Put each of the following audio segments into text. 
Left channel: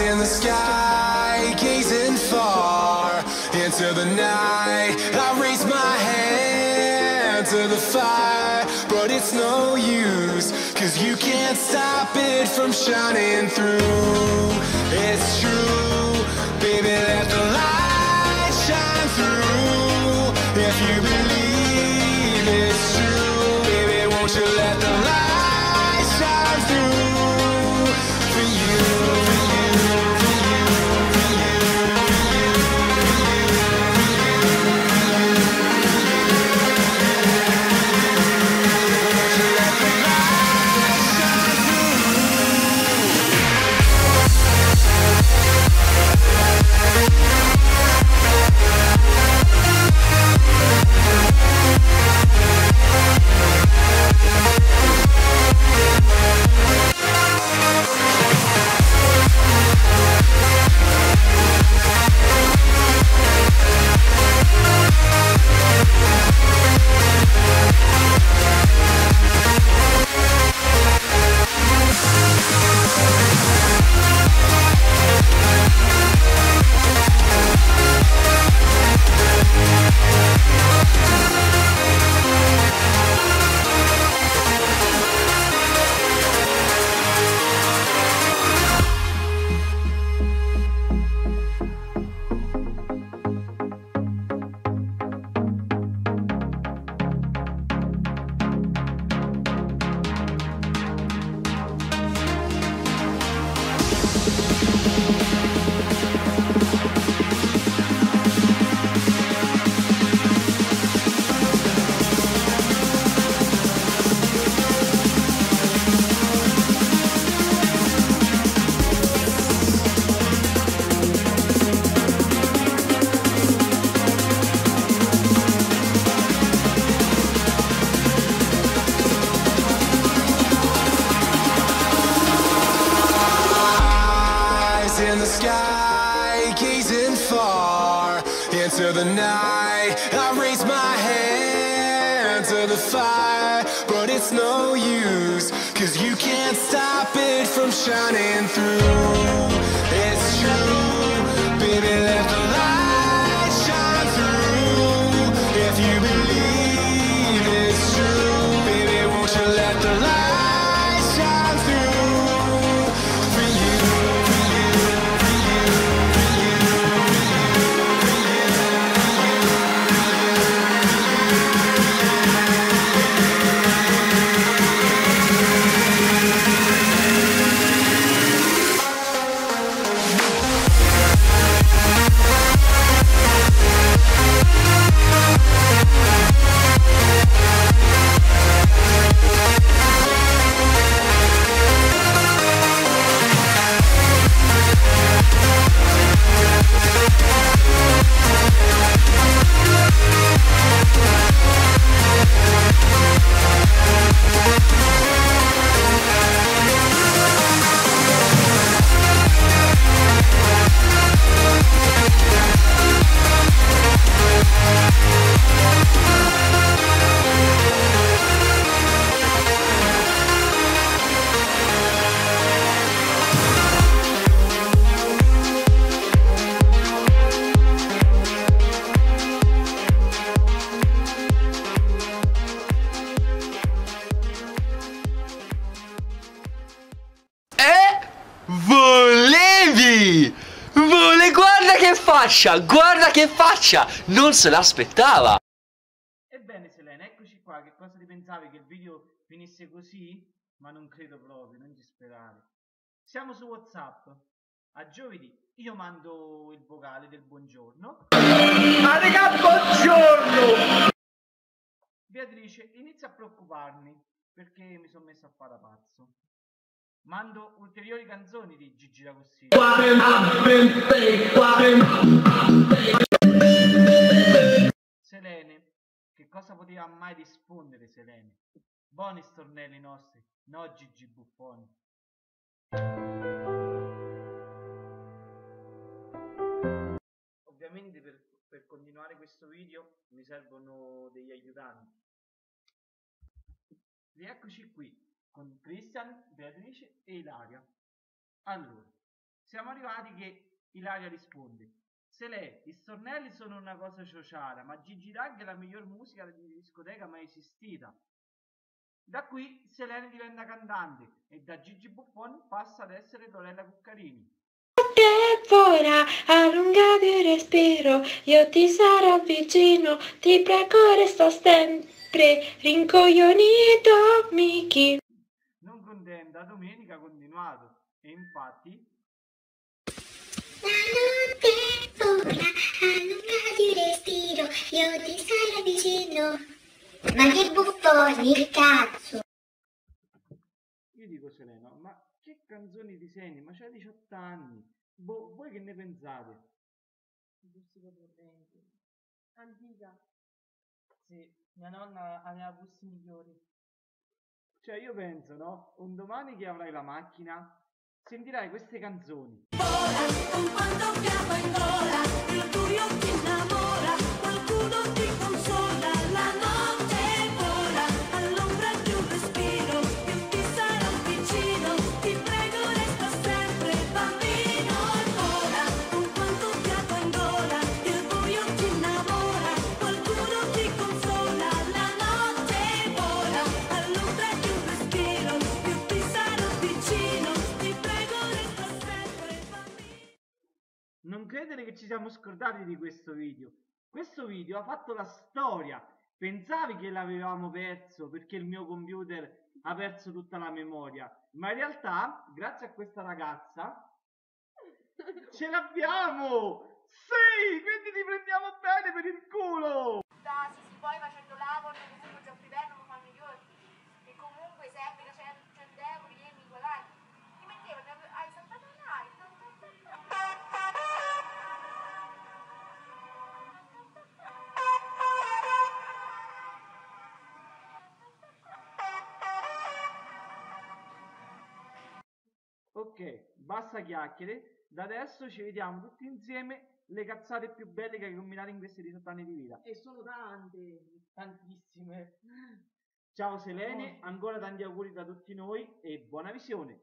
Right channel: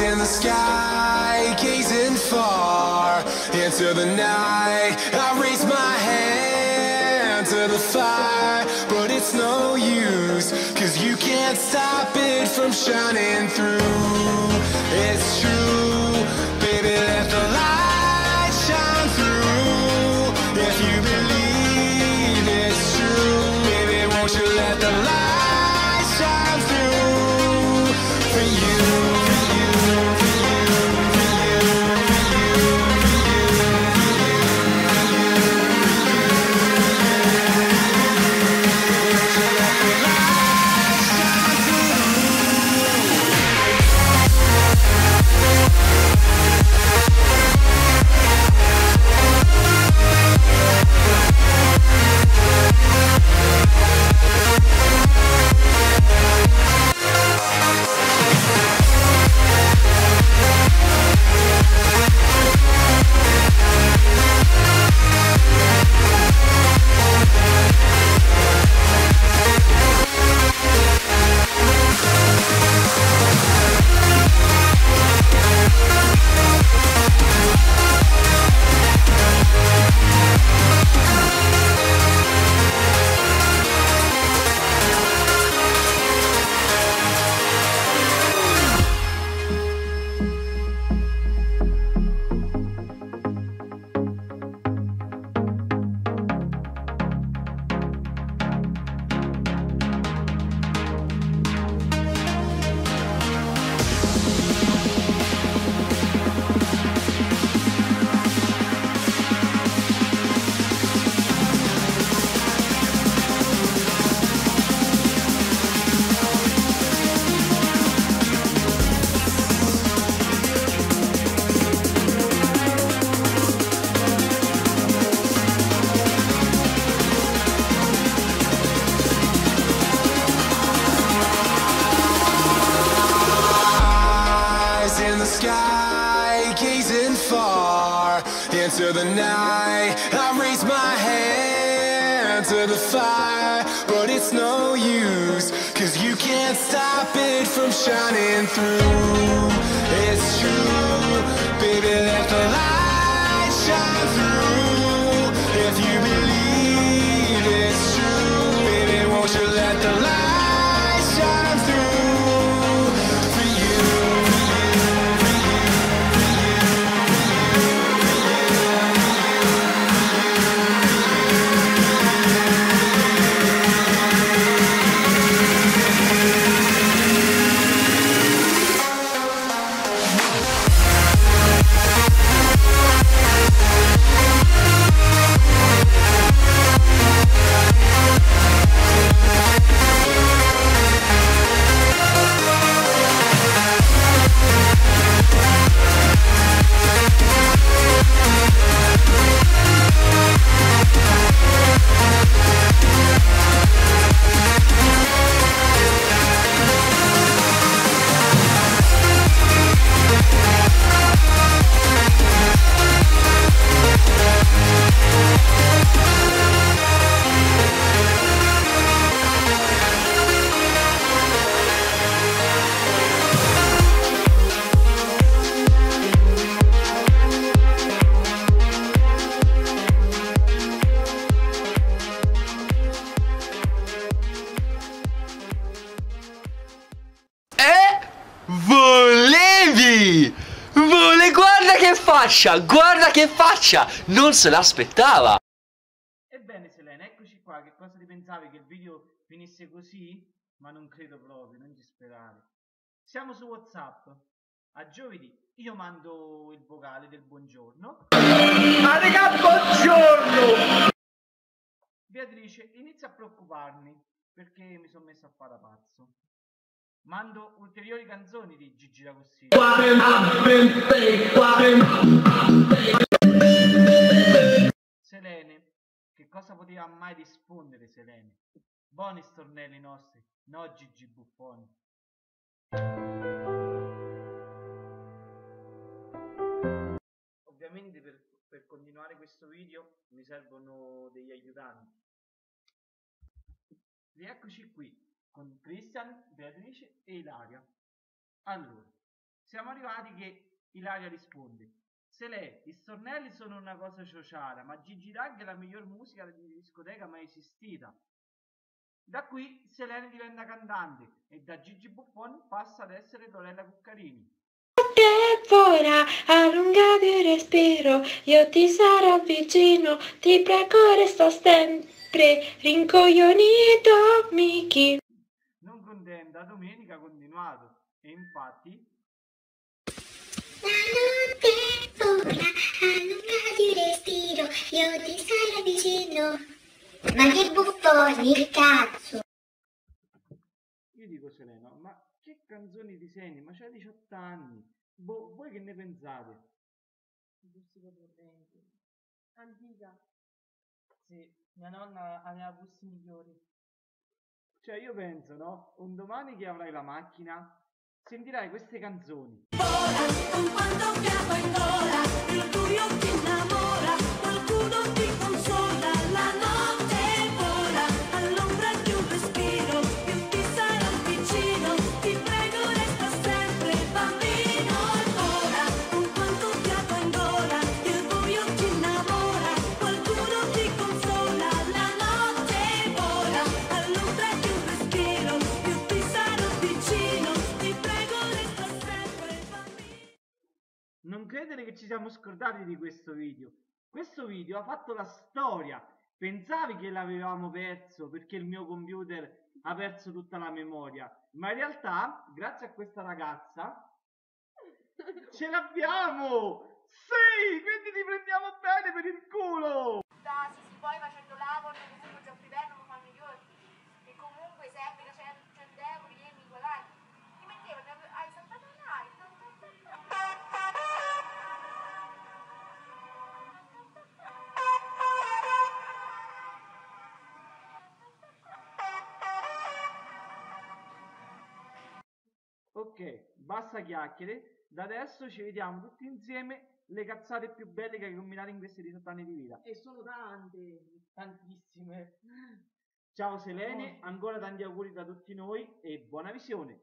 in the sky, gazing far into the night. I raise my hand to the fire, but it's no use, 'cause you can't stop it from shining through. It's true, baby, let the light shine through. If you believe it's true, baby, won't you let the light shine through for you, for you, for you, for you, for you, for you, for you, for you, won't you let the light shine through? In the sky, gazing far into the night. I raise my hand to the fire, but it's no use, 'cause you can't stop it from shining through. It's true, baby, let the light shine through. If you believe it's true, baby, won't you let the light shine through for you. Guarda che faccia! Non se l'aspettava! Ebbene Selene, eccoci qua. Che cosa ti pensavi? Che il video finisse così? Ma non credo proprio, non ci sperare. Siamo su WhatsApp. A giovedì io mando il vocale del buongiorno. Ma raga, buongiorno! Beatrice inizia a preoccuparmi perché mi sono messo a fare da pazzo. Mando ulteriori canzoni di Gigi D'Agostino. Selene, che cosa poteva mai rispondere Selene? Buoni stornelli nostri, no Gigi Buffoni. Ovviamente per continuare questo video mi servono degli aiutanti. Rieccoci qui con Christian, Beatrice e Ilaria. Allora, siamo arrivati che Ilaria risponde: Selè, i stornelli sono una cosa ciociara, ma Gigi D'Aghi è la miglior musica di discoteca mai esistita. Da qui Selene diventa cantante e da Gigi Buffon passa ad essere Lorella Cuccarini. Ora allungati il respiro, io ti sarò vicino, ti prego resta sempre rincoglionito, Miki. Non contenta, domenica ha continuato e infatti la notte vola, allungati il respiro, io ti sarò vicino. Ma che buffoni, cazzo! io dico Selena, ma che canzoni ti senti? Ma c'hai 18 anni, boh, voi che ne pensate? Gusti potenti. Antica. Sì, mia nonna aveva gusti migliori. Cioè io penso, no? Un domani che avrai la macchina sentirai queste canzoni. Vola, con quanto fiato in gola, il buio ti innamora, qualcuno ti consola, la notte vola, all'ombra di un respiro, più ti sarò vicino, ti prego resta sempre bambino ancora, con quanto fiato in gola, il buio ti innamora, qualcuno ti consola, la notte vola, all'ombra di un respiro, più ti sarò vicino, ti prego resta sempre bambino. Non credere che ci siamo scordati di questo video. Questo video ha fatto la storia. Pensavi che l'avevamo perso perché il mio computer ha perso tutta la memoria, ma in realtà, grazie a questa ragazza, ce l'abbiamo! Sì! Quindi ti prendiamo bene per il culo! Sì, poi facendo lavoro, comunque già privato non fanno io. E comunque sempre che c'è 100 euro, io mi guadagno. Ti mettevo, hai saltato online. Ok, basta chiacchiere. Da adesso ci vediamo tutti insieme le cazzate più belle che hai combinato in questi 18 anni di vita. E sono tante, tantissime. Ciao Selene, ancora tanti auguri da tutti noi e buona visione.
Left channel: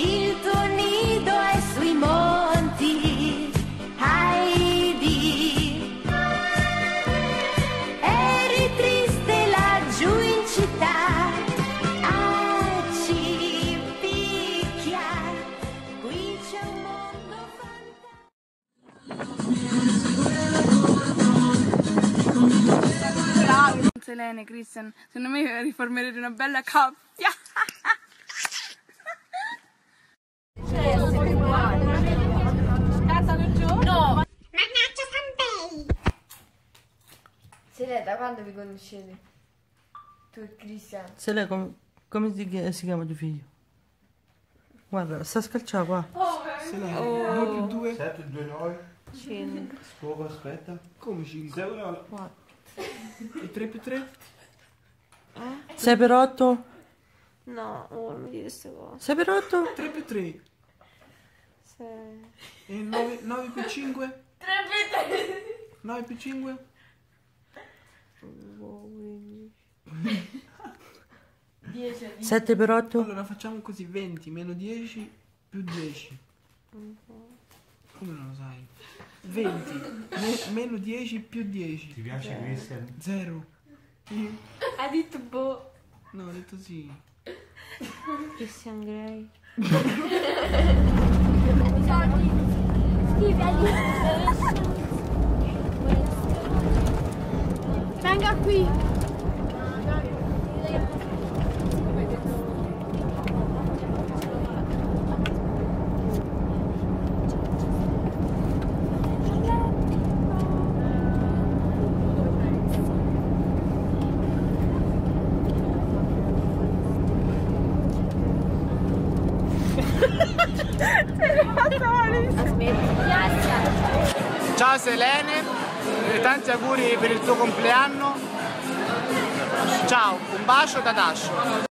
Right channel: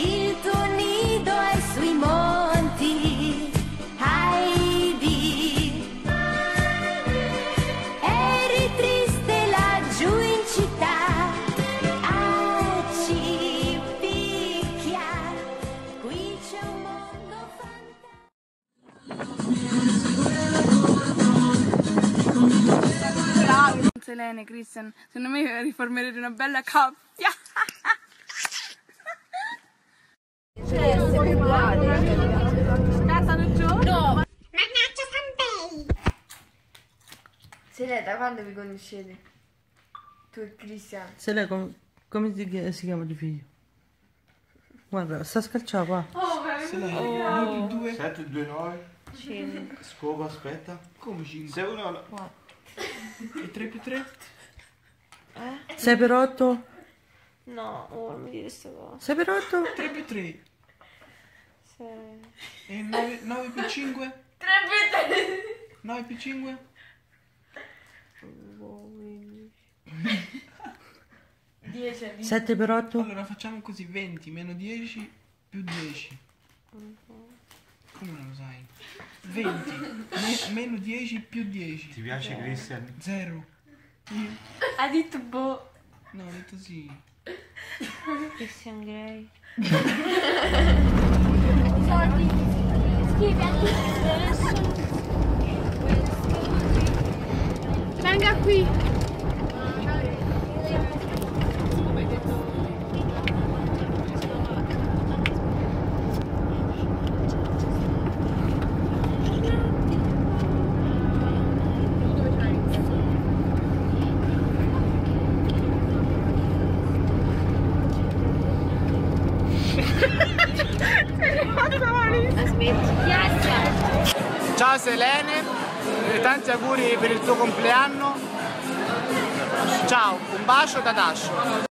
Il tuo nido è sui monti, Heidi. Eri triste laggiù in città, a Cipicchia. Qui c'è un mondo fantastico. Selene, Christian, secondo me riformerete una bella coppia. Scattano giù? No! Mannaggia Sanbei! Se da quando vi conoscete? Tu e Cristian. Se lei come si chiama tuo figlio? Guarda, sta scalciando qua. Se lei 9 più 2 7 2 9 5. Scopa, aspetta. Come 5? 6 1 4. E 3 più 3? 6 per 8? No, non mi dire queste cose. 6 per 8? 3 più 3. 6. E 9 più 5? 3 più 3! 9 più 5? 10. 7 per 8? Allora facciamo così, 20 meno 10 più 10. Come non lo sai? 20 meno 10 più 10. Ti piace Christian? 0. Ha detto boh. No, ho detto sì. Christian Grey. Scrivi all'interno. Venga qui. Ciao Selene, tanti auguri per il tuo compleanno. Ciao, un bacio da Dascio.